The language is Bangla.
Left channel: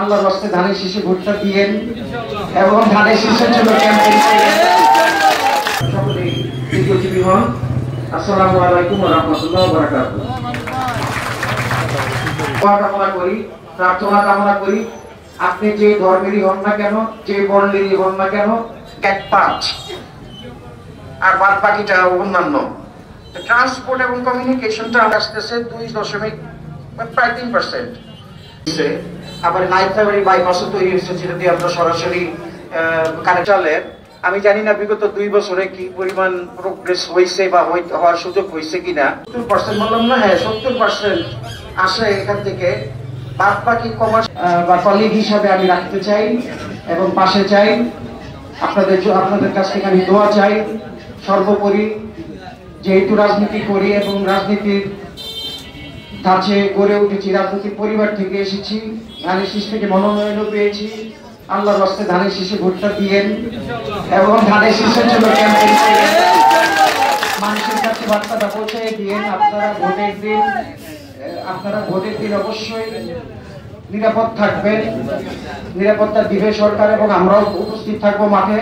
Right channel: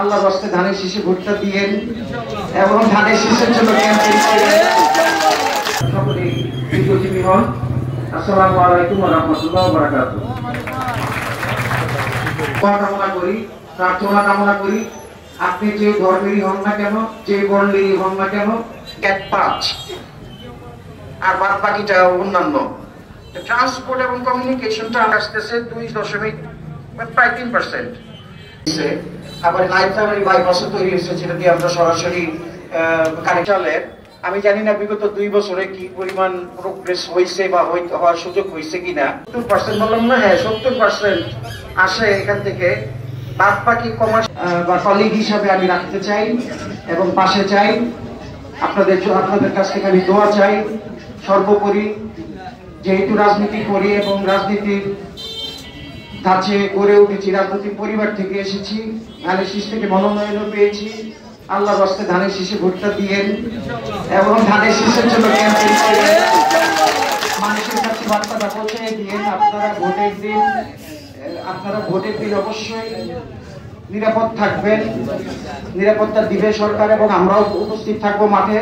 আল্লাহর রাস্তায় ধানের শীষে ভোটটা দিয়েন এবং ধানের শীষের জন্য ক্যাম্পেইন করেন। সকলেই দীর্ঘজীবী হন। আসসালামু আলাইকুম ওয়া রাহমাতুল্লাহি ওয়া বারাকাতুহু। কামনা করি, প্রার্থনা কামনা করি, আপনি যে ধর্মেরই হন না কেন, যে বর্ণেরই হন না কেন, এক পাঁচ আর বাদ বাকিটা অন্যান্য ট্রান্সপোর্ট এবং কমিউনিকেশনটা আসতেছে 2 প্রায় 3%। আবার লাইফ ফেভারি বাইপাসও তৈরি হয়েছে, যেটা দিয়ে আমরা সরাসরি কানেক্টলের। আমি জানি না বিগত 2 বছরে কি পরিমাণ প্রোগ্রেস হয়েছে বা হওয়ার সুযোগ হয়েছে কিনা। 70% বললাম না, হ্যাঁ 70% আসে এখান থেকে। বাদ বাকি কমার্স বা কলিগ হিসাবে আমি রাখতে চাই এবং পাশে চাই। আপনাদের কাছ থেকে আমি দোয়া চাই। সর্বোপরি যেহেতু রাজনীতি করি এবং রাজনীতির ধাঁচে গড়ে উঠেছি, রাজনৈতিক পরিবার থেকে এসেছি, ধানের শীষ থেকে মনোনয়ন পেয়েছি, আল্লাহর রাস্তায় ধানের শীষে ভোটটা দিয়েন এবং ধানের শীষের জন্য ক্যাম্পেইন করেন। মানুষের কাছে বার্তাটা পৌঁছে দিয়েন। আপনারা ভোটের দিন অবশ্যই নিরাপদ থাকবেন, নিরাপত্তা দিবে সরকার এবং আমরাও উপস্থিত থাকবো মাঠে।